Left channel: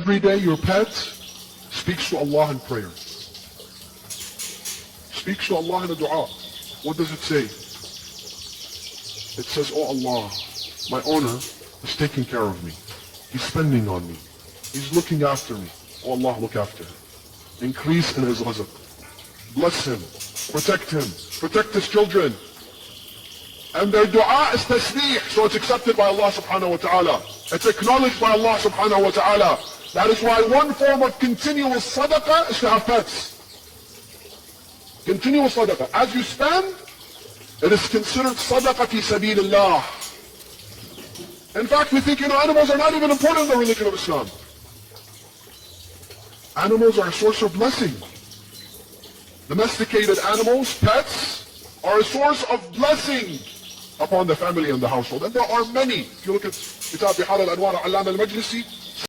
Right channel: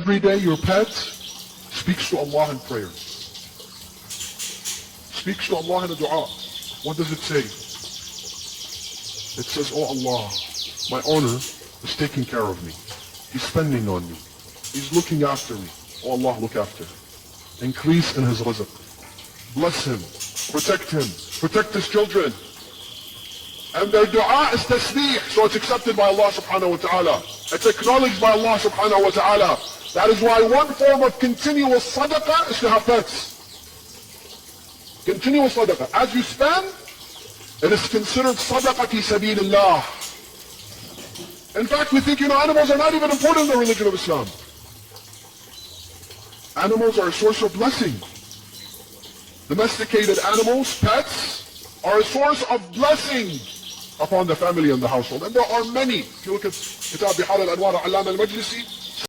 every day your pet speaks to Allah in prayer. Speaks to Allah in a dua. What does it say? It says, oh Allah, my owner is taking care of me. He's spending on me. He's looking after me. Oh Allah, look after him. Increase in his rizq. Bless him. Protect his children. And their dua is tasbih, so it's accepted by Allah subhanahu wa ta'ala. It's acknowledged by Allah subhanahu wa ta'ala. That is why one form of continual sadaqah is to have pets. Continual sadaqah. As you spend, it is considered sadaqah fi sabilullah. In fact, we think, animals are not even important in the religion of Islam. Animals are a source of blessing. Domesticated animals, pets, are a source of blessing upon the family and the household. And there are many. If you look at Kitab Bihar al-Anwar al-Allam al-Majlisi,